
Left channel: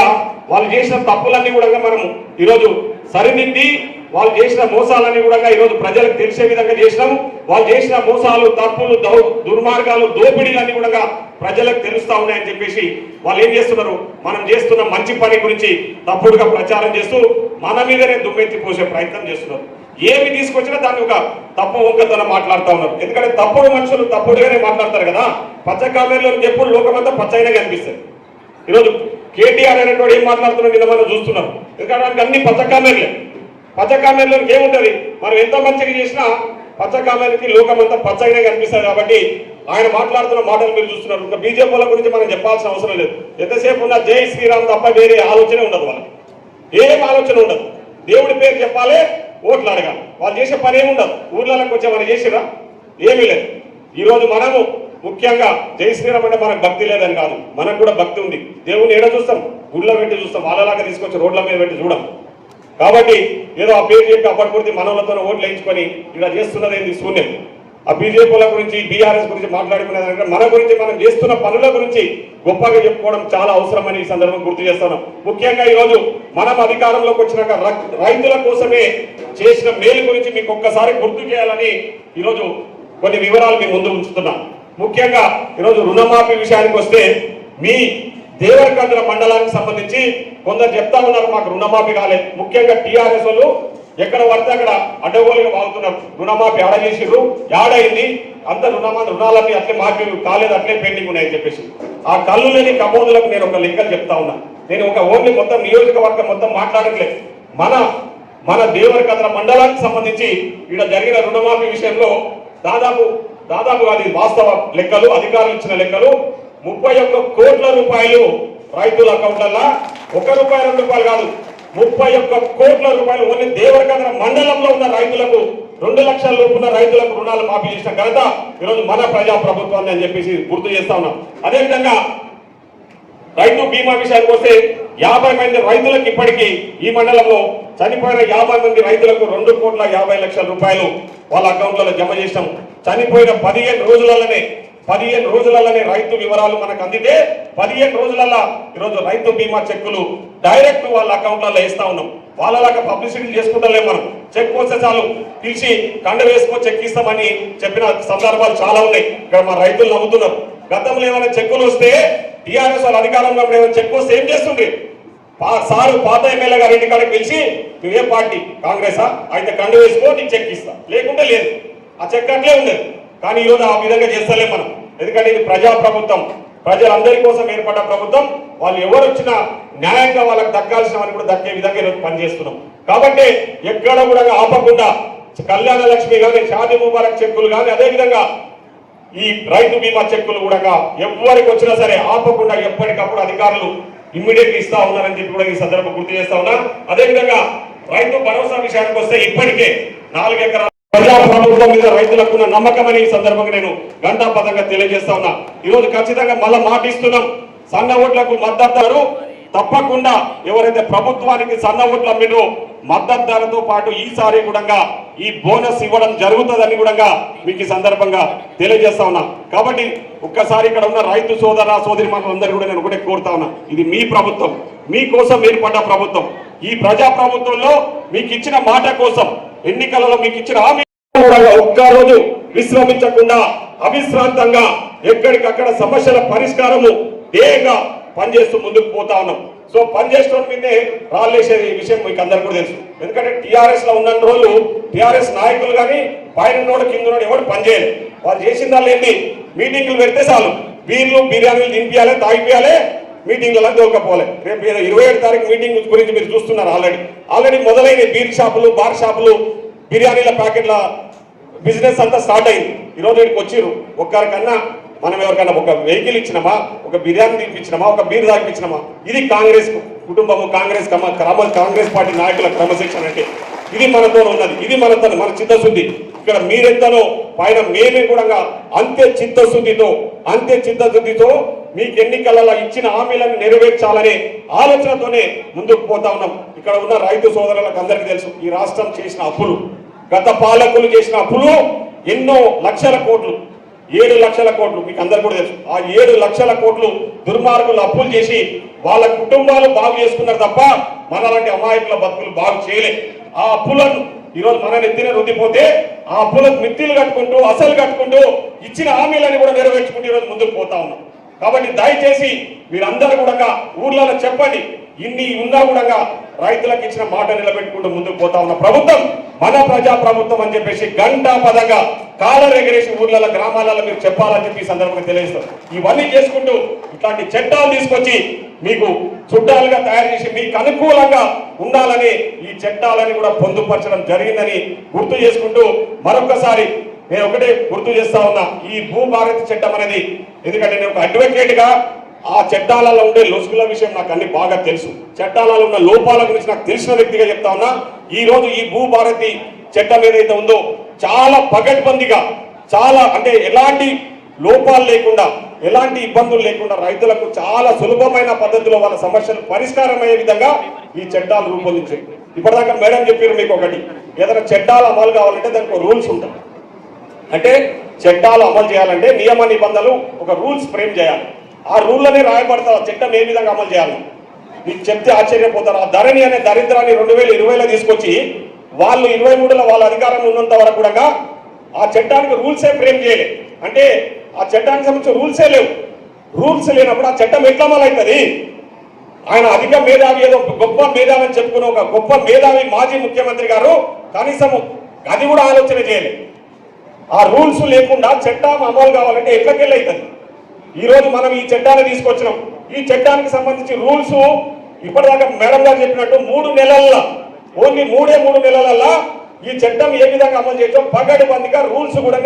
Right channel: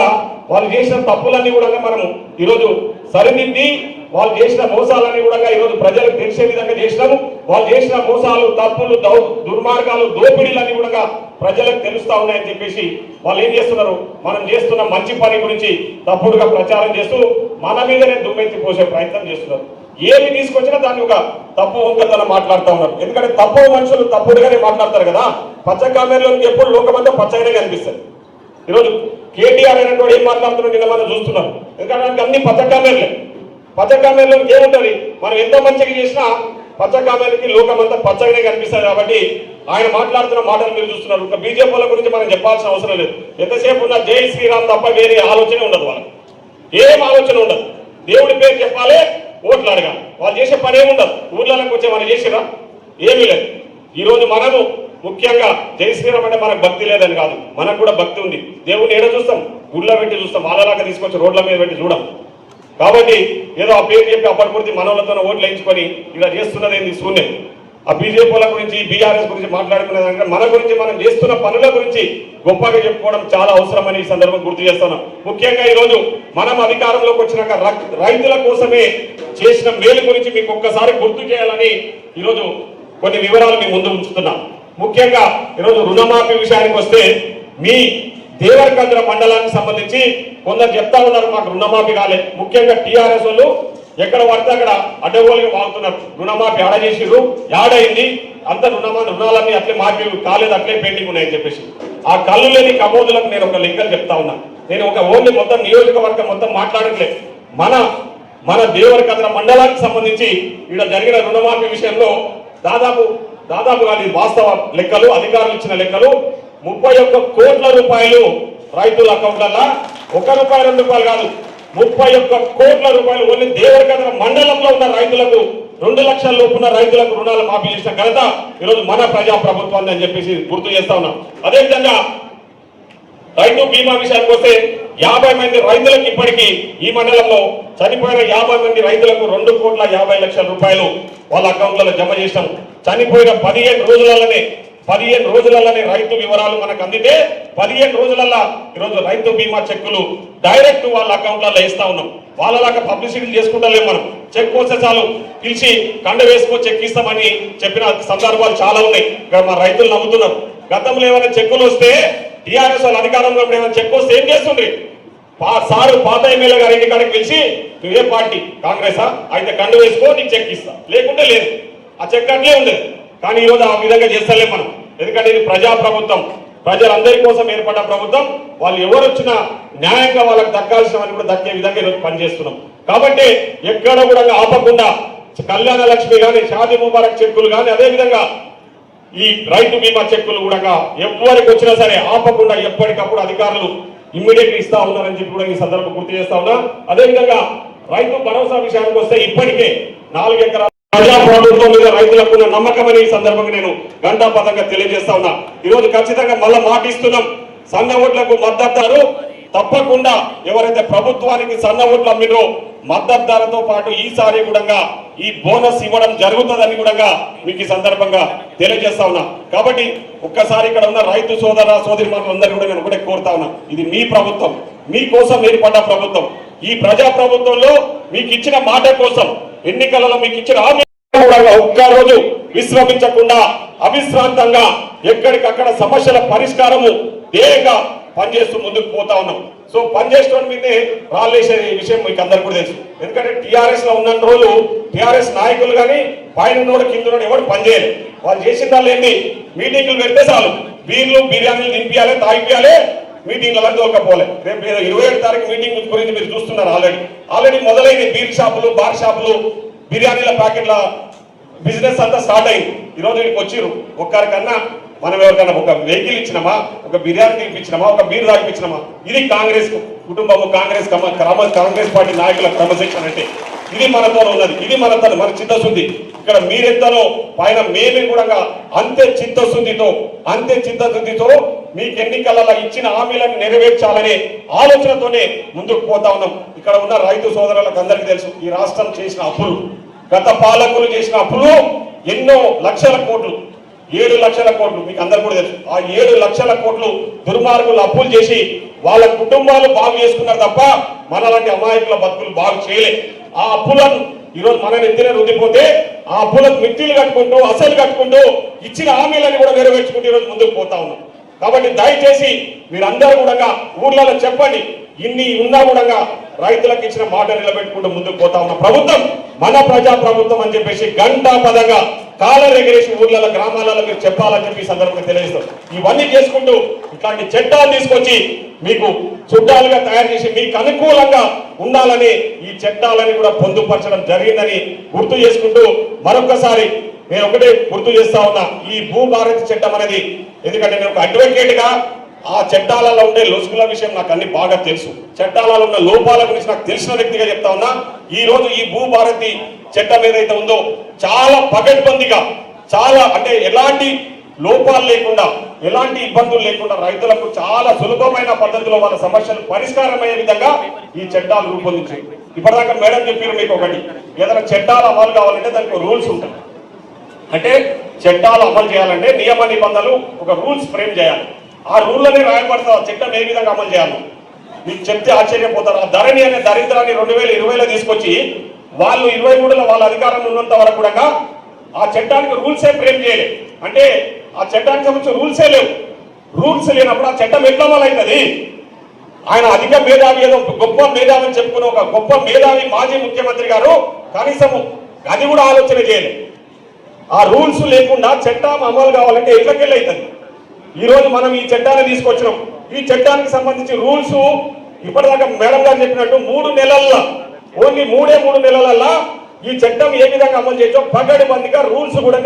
S2: వాళ్ళు చేసిన తప్పులన్నీ కూడా మనం ఈరోజు సరిదిద్ది వాళ్ళు చేసిన మోసాలన్నీ కూడా ఈరోజు ప్రజలకు తెలిసే విధంగా చేసినాము. వాళ్ళు చేసిన మోసాలు తప్పులు దౌ దుర్మార్గాలు దోపిడీలన్నీ కూడా ప్రజలకు తెలుస్తా ఉన్నాయని చెప్పేసి వాళ్ళు ఏం చేస్తున్నారు? మనం చేస్తున్న మంచి పని గురించి తప్పుడుగా ప్రచారం చేస్తూ మన మీదనే దుమ్మెత్తి పోసే ప్రయత్నం చేస్తున్నారు. ఏమి తీసుకొచ్చినా దాన్ని ఒక తప్పు వంకతనం మాట్లాడుతూ ఉన్నారు. ఎందుకంటే తప్పు మనుషులు తప్పుడుగానే మాట్లాడతారు కదా. పచ్చ కామెర్లో ఎప్పుడు లోకమంతా పచ్చగానే కనిపిస్తారు ఈరోజు కేటీఆర్ అనేటువంటి ఏం మాట్లాడుతున్నారు కదా మనం చూస్తున్నాం. ఎందుకంటే అన్ని పచ్చ కామెర్లే. పచ్చ కామెర్లో ఏముంటది మనం ఎంత మంచిగా చేసినా పచ్చ కామెర్లకి లోకమంతా పచ్చగానే కనిపిస్తుంది కాబట్టి ఆయన మాట్లాడుతున్న మాటలు మీరు చూస్తున్నారు. ఇంకా బీజేపీల గురించి మనం చెప్పాల్సిన అవసరం లేదు. ఎంతసేపు ఉన్నా జై శ్రీరామ్ తప్ప వేరే ఆలోచన ఉండదు వాళ్ళకి. ఏం ఆలోచన ఉండదు. దేవుడి పేరు చెప్పాలి ఓట్లు అడగాలి. వాళ్ళు చేసే పని ఏముండదు ఊర్లలోకి వచ్చే మనం చేసినా ఏమీ లేదు. ఈరోజు మనము ముఖ్యంగా జై శ్రీరామ్ అంటే మనకు భక్తి లేదని కాదు. మనకు కూడా భక్తి ఉంది. దేవుని ఏడ చూస్తాం? గుళ్ళ పెట్టి చూస్తాం. వాళ్ళలాగా తీసుకొచ్చి రోడ్ల మీద పెట్టి చూడం. కాబట్టి ఏదో ఆ పేరు చెప్పి అప్పటికొద్ది మనలతో ఓట్లు వేయించుకొని ఇలా చేస్తున్నది ఏంది శూన్యం. ఆ బీజేపీల గురించి బీఆర్ఎస్ గురించి మాట్లాడుకునే దానికంటే మన గురించి మనం చేస్తున్న పనుల గురించి గొప్పగా చెప్పుకోవడం చాలా అవసరమని ఈ సందర్భం గుర్తు చేస్తున్నాం ముఖ్యంగా ఈ రోజు మనం అధికారంలోకి వచ్చినాక రైతుల కోసమే చేసిన మేలు గురించి మీకు ఒక్కసారి గుర్తు చేయాలని ఈరోజు కొన్ని వివరాలు మీ ముందు ఉంచుతున్నాం. ముఖ్యంగా ఈరోజు రుణమాఫీ విషయానికి వస్తే మీ దేవరకంద్ర మండలానికి సంబంధించి కొందరు చెప్తా ఉన్నారు మాకు రుణమాఫీ కాలేదు ముఖ్యంగా టీఆర్ఎస్ వాళ్ళు ఎక్కడ పడితే అక్కడ అడ్డగోలు వాడుతున్నారు రుణమాఫీ ఆడ చేసిర్రు ఆడైంది అంత రుణమా రుణాలన్నీ అట్లే మాఫీ కాలేదు అట్లే పెండింగ్ ఉన్నాయని చెప్పేసి. ఆ కళ్ళు లేని కబోదులకు నేను ఒక లెక్కలు చెప్తా ఉన్నా. నేను ఒక ఓన్లీ మొత్తం నియోజకవర్గం మొత్తం మాట్లాడట్లేదు మన మన దేవరకద్ర మండలానికి సంబంధించి ఇక్కడ జరిగిన రుణమాఫీ విషయంలో దాదాపు దాదాపు అది వాస్తవ లెక్కలు అధికారులు ఇచ్చిన లెక్కలు ముప్పై ఒక్క కోట్ల రూపాయలు రైతుల అకౌంట్ల ఒక రూపాయి రెండు రూపాయలు కాదు. ముప్పై ఒక్క కోట్ల రూపాయలు ఓన్లీ దేవరకద్ర మండలంలో ఉన్న రైతులకు రెండు లక్షల లోపు ఉన్న రైతులకు రుణాలు మాఫీ చేసిన ఘనత ఈరోజు మన ప్రజా ప్రభుత్వాన్ని అని చెప్పేసి గుర్తు చేస్తా ఉన్నాం. అదేవిధంగా రైతు బీమా విషయానికి వస్తే యాభై మంది రైతులకు ఇప్పటికీ ఈ మండలంలో చనిపోయిన యాభై మంది రైతులకు రెండు కోట్ల యాభై లక్షల రూపాయలు వాళ్ళ అకౌంట్లలో జమ చేసాం చనిపోయిన పదిహేను రోజులలోనే పదిహేను రోజులలోనే రైతు వివరాలు మనకు అందితే పదిహేను రోజులలో ఈరోజు రైతు బీమా చెక్కులు డైరెక్ట్ వాళ్ళ అకౌంట్లలో వేస్తా ఉన్నాం. వాళ్ళలాగా పబ్లిసిటీ చేసుకుంటలేం మనం. చెక్ వస్తే చాలు. పిలిచి కండ వేసుకో చెక్ ఇస్తామని చెప్పిన సందర్భాలు చాలా ఉన్నాయి. ఇక్కడ మా రైతులు నమ్ముతున్నారు గతంలో ఏమైనా చెక్కులు వస్తే టీఆర్ఎస్ వాళ్ళు అధికారంలో ఏమైనా చెక్ వస్తే ఏం చేస్తుండ్రి? సారు పాత ఎమ్మెల్యే గారి ఇంటి కాడికి పిలిచి నువ్వే పార్టీ? కాంగ్రెసా? అయితే కండు వేసుకో నీకు చెక్ ఇస్తా. లేకుంటే లేదు. ఆ చెక్ అట్లే ఉండేది. కానీ ఈరోజు ఆ విధంగా చేస్తలేం మనం. ఎందుకంటే ఇది ప్రజా ప్రభుత్వం ప్రజలందరి కోసం ఏర్పడ్డ ప్రభుత్వం. వాళ్ళు ఎవరు వచ్చినా న్యాయంగా వాళ్ళకి దక్కాల్సిన వాళ్ళు కూడా దక్కే విధంగా ఈరోజు పనిచేస్తున్నాం. కాబట్టి ఎక్కడ కూడా ఆపకుండా కళ్యాణ లక్ష్మి కానీ షాది ముబారక్ చెక్కులు కానీ అదే విధంగా ఈ రైతు బీమా చెక్కులు కూడా ఎవరికి వచ్చినా సరే ఆపకుండా ఎప్పటికప్పుడు అధికారులు ఇమ్మీడియట్ ఇస్తా ఉన్నారని చెప్పి కూడా ఈ సందర్భం గుర్తు చేస్తా ఉన్నా. అదేవిధంగా రైతు భరోసా విషయానికి వస్తే ఇప్పటికే నాలుగు ఎకరాల ప్రజా ప్రభుత్వం మీద రైతులకు ఉన్న నమ్మకం అని ఈ సందర్భంగా నేను గంటాపదంగా తెలియజేస్తా ఉన్నా. ఈరోజు ఖచ్చితంగా మళ్ళీ మాట ఇస్తున్నాం. సన్న ఓట్లకు మద్దతు తప్పకుండా ఎవరైతే ప్రభుత్వానికి సన్న ఓట్లు అమ్మినో మద్దతు ధరతో పాటు ఈసారి కూడా ఈ బోనస్ ఇవ్వడం జరుగుతుందని కూడా మీకు ఈ సందర్భంగా తెలియజేస్తా ఉన్నా. కాబట్టి ఒక్కసారి ఇక్కడ ఉన్న రైతు సోదర సోదరి అందరూ కూడా నేను ఒకటే కోరుతా ఉన్నా. ఇది మీ ప్రభుత్వం. మీకోసం ఏర్పడ్డ ప్రభుత్వం. ఈ ప్రజా ప్రభుత్వంలో మీకు ఇచ్చిన మాట కోసం ఎన్నికలలో మీకు ఇచ్చిన హామీ ఒక్క రోజు విశ్రమించకుండా అవిశ్రాంతంగా ఎక్కడికక్కడ సమస్యల పరిష్కారము ధ్యేయంగా పనిచేస్తూ ముందుకు పోతా ఉన్నాం. సో పనిచేసిన మీదే రాలేసే విషయం మీకు అందరికీ కూడా తెలుసు. ఎందుకంటే టిఆర్ఎస్లో ఉన్న రోజులు టిఆర్ఎస్ నాయకులు కానీ పైన కింద ఎవరు పనిచేయరు. వాళ్ళు చేసిన దాన్ని ఏంటి మీటింగ్లు పెడితే చాలు. బీర్లు బిర్యానీలు నింపియాలి తాగిపియాలి మీటింగ్లలో దొరకపోలే రేపు ఇరవై ఏడు తారీఖు మీటింగ్ గురించి మీరు చూస్తున్నారు ఆల్రెడీ ఆల్రెడీ మొదలైన బీర్ షాపులు బార్ షాపులు బిర్యానీల ప్యాకెట్ల బిజినెస్ అంతా స్టార్ట్ అయింది. ఈరోజు ఇక్కడికి వచ్చిర్రు. ఒక్కరికన్నా మనం ఎవరికన్నా ఒక వెహికల్ ఇచ్చినామా? ఒక బిర్యానీ తినిపించినామా? ఒక బీర్ తాగిపించినామా? ఇది కాంగ్రెస్ కుటుంబము కాంగ్రెస్ క్రమ కాంగ్రెస్ పార్టీ నాయకుల క్రమశిక్షణ అంటే ఇది మనతో ఉన్నది. ఇది మనతో మన చిత్తశుద్ధి. ఇక్కడ మీరెంతలో పైన మేమే కూడా అంతే చిత్తశుద్ధితో అంతే చిత్తశుద్ధితో మీకు ఎన్నికలలో ఇచ్చిన హామీలను నెరవేర్చాలనే ఆలోచనతోనే ముందుకు పోతా ఉన్నాం. ఇక్కడ ఉన్న రైతు సోదరులకు అందరికీ తెలుసు ఈ రాష్ట్రం చేసిన అప్పులు గత పాలకులు చేసిన అప్పులు ఎన్నో లక్షల కోట్లు ఏడు లక్షల కోట్లు మీకు అందరు కూడా తెలుసు. ఆ ఏడు లక్షల కోట్లు దుర్మార్గులు అప్పులు చేసి వాళ్ళ కుటుంబాలు బాగు చేసుకున్నారు తప్ప మనలాంటి అమాయకుల బతుకులు బాగు చేయలే. ఆ అప్పులను ఈరోజు మన నెత్తిన రుద్దిపోతే ఆ అప్పులకు మిత్తిలు కట్టుకుంటూ అసలు కట్టుకుంటూ ఇచ్చిన హామీలను కూడా నెరవేర్చుకుంటూ ఈరోజు ముందుకు పోతా ఉన్నాం. కాబట్టి దయచేసి మీరందరూ కూడా ఊర్లలో చెప్పండి. ఇన్ని ఉన్నా కూడా రైతులకు ఇచ్చిన మాట నిలబెట్టుకుంటూ ముందుకు పోతా ఉన్న ప్రభుత్వం మన ప్రజా ప్రభుత్వం అని చెప్పేసి గంట పదంగా కాలం ఎగిరేసి ఊర్లలో గ్రామాలలో మీరు చెప్పాలని చెప్పి సందర్భంగా తెలియజేస్తారు ఇవన్నీ చేసుకుంటూ ఇట్లాంటి చట్టాలు తీసుకొచ్చి మీకు చుట్టాలుగా తయారు చేసి మీకు అనుకూలంగా ఉండాలని ఈ చట్టాలని కూడా పొందుపరచడం జరిగిందని గుర్తు చేసుకుంటూ మరొకసారి నేను ఒకటే గుర్తు చేస్తా ఉన్నా ఈ భూభారతి చట్టం అనేది ఎందుకంటే నేను ఒక అడ్వకేట్గా ఆ చట్టాలలో ఉండే లొసుగుల విషయం నాకు అన్ని బాగా తెలుసు. చట్టాలలో ఉన్న లోపాల గురించి నాకు తెలిసిన వ్యక్తిగా చెప్తా ఉన్నా ఈ రోజు ఈ భూభారతి చట్టం ఏదైతే ఉందో చాలా పగడ్బందీగా చాలా అంటే ఎలాంటి లోపాలు లేకుండా ఎలాంటి ఇబ్బందులు లేకుండా రైతులకు చాలా సులభమైన పద్ధతిలో వాళ్ళ సమస్యలు పరిష్కారం అయ్యే విధంగా ఈ చట్టాలు రూపొందించాయి. ఇప్పటిదాకా మేడం చెప్పారు మీకు ఒకటి ఏదైనా చట్టాలు అమలు కావాలంటే దానికి రూల్స్ ఉంటాయి. అంటే చట్టాలు అమలు చేయాలంటే నియమ నిబంధనలు ఒక రూల్స్ ఫ్రేమ్ చేయాలి. ఆ రూల్లోనే రాయబడతా ఆ చట్టం ఏ విధంగా అమలు చేయాలి? మీకు చెప్తే ఆశ్చర్యపోతారు. ఆ ధరణి అనే దరిద్రాన్ని రెండు వేల ఇరవైలో తీసుకొచ్చి వాళ్ళు ఇరవై మూడులో వాళ్ళ అధికారంలో ఉన్నంత వరకు కూడా ఆ చట్టానికి రూల్సే ఫ్రేమ్ చేయలేదు అంటే ఆ చట్టానికి సంబంధించిన రూల్సే లేవు. రూల్స్ లేనప్పుడు ఆ చట్టం ఎట్లా అమలు ఆయన అధిక మేధావి ఏదో ఒక గొప్ప మేధావి అని చెప్పుకున్న ఒక గొప్ప మేధావి మాజీ ముఖ్యమంత్రి గారు కనీసం అది కూడా ఆలోచన చేయలేదు ఆ రూల్స్ లేకుండా చట్టం అమలు కావాలంటే ఎట్లకెళ్ళి అవుతుంది ఈరోజు మనం ఈ చట్టాన్ని తీసుకొచ్చినాం. ఈ చట్టానికి సంబంధించి రూల్స్ ఇప్పటిదాకా మేడం గారు చెప్పినట్టు మూడు నెలల్లో ఓన్లీ మూడే మూడు నెలలలో ఈ చట్టం ఏ విధంగా అమలు చేయొచ్చో పగడబందిగా రూల్స్ కూడా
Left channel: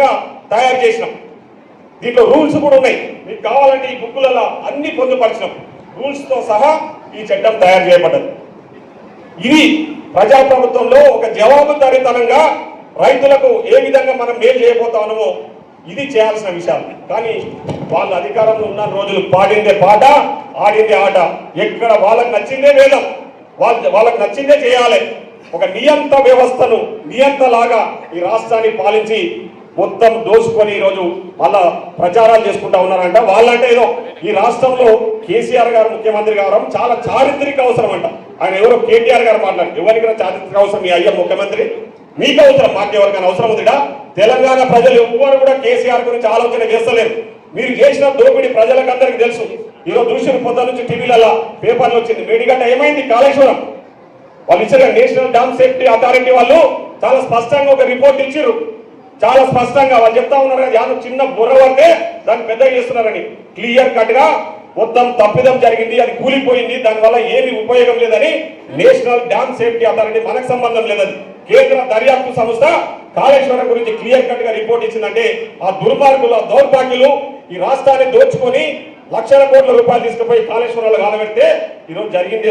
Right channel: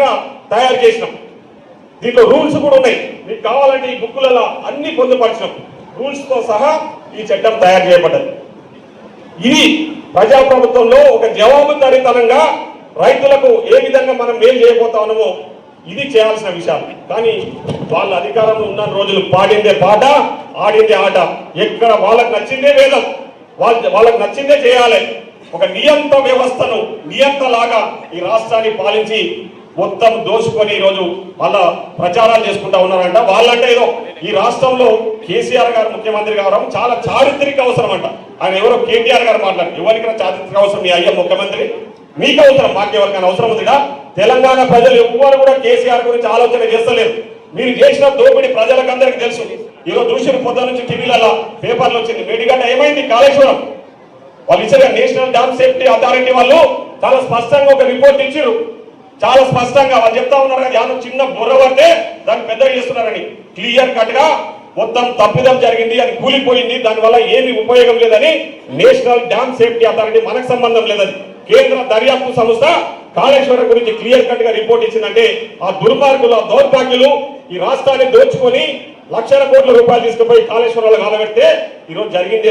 S2: తయారు చేసినాం. దీంట్లో రూల్స్ కూడా ఉన్నాయి. మీకు కావాలంటే ఈ బుక్కులలో అన్ని పొందుపరచినాం. రూల్స్తో సహా ఈ చట్టం తయారు చేయబడ్డది. ఇది ప్రజాప్రభుత్వంలో ఒక జవాబుదారీతనంగా రైతులకు ఏ విధంగా మనం మేలు చేయబోతామో ఇది చేయాల్సిన విషయాలు. కానీ వాళ్ళ అధికారంలో ఉన్న రోజులు పాడిందే పాట ఆడిందే ఆట. ఎక్కడ వాళ్ళకు నచ్చిందే వేదం. వాళ్ళ వాళ్ళకి నచ్చిందే చేయాలి. ఒక నియంత్ర వ్యవస్థను నియంత్రలాగా ఈ రాష్ట్రాన్ని పాలించి మొత్తం దోసుకొని ఈరోజు వాళ్ళ ప్రచారాలు చేసుకుంటా ఉన్నారంట. వాళ్ళంటే ఏదో ఈ రాష్ట్రంలో కేసీఆర్ గారు ముఖ్యమంత్రి కావడం చాలా చారిత్రక అవసరం అంట. ఆయన ఎవరో కేటీఆర్ గారు మాట్లాడారు. ఎవరికైనా చారిత్రక అవసరం మీ అయ్యా ముఖ్యమంత్రి? మీకు అవసరం పార్టీ ఎవరికైనా అవసరం ఉందిగా? తెలంగాణ ప్రజలు ఎవ్వరు కూడా కేసీఆర్ గురించి ఆలోచన చేస్తలేరు. మీరు చేసిన దోపిడీ ప్రజలకు అందరికి తెలుసు. ఈరోజు చూసిన పొద్దు నుంచి టీవీలలో పేపర్లు వచ్చింది. మీడిగంట ఏమైంది? కాళేశ్వరం. వాళ్ళు ఇచ్చిన నేషనల్ డ్యామ్ సేఫ్టీ అథారిటీ వాళ్ళు చాలా స్పష్టంగా ఒక రిపోర్ట్ ఇచ్చారు. చాలా స్పష్టంగా వాళ్ళు చెప్తా ఉన్నారు యాదవ్ చిన్న బుర్ర పడితే దాన్ని పెద్దగా చేస్తున్నారని. క్లియర్ కట్గా మొత్తం తప్పిదం జరిగింది అది కూలిపోయింది. దానివల్ల ఏమి ఉపయోగం లేదని నేషనల్ డ్యామ్ సేఫ్టీ అథారిటీ మనకు సంబంధం లేదని. కేంద్ర దర్యాప్తు సంస్థ కాళేశ్వరం గురించి క్లియర్ కట్గా రిపోర్ట్ ఇచ్చిందంటే ఆ దుర్మార్గులు ఆ దౌర్భాగ్యులు ఈ రాష్ట్రాన్ని దోచుకొని లక్షల కోట్ల రూపాయలు తీసుకుపోయి కాళేశ్వరంలో కాలబెడితే ఈరోజు జరిగింది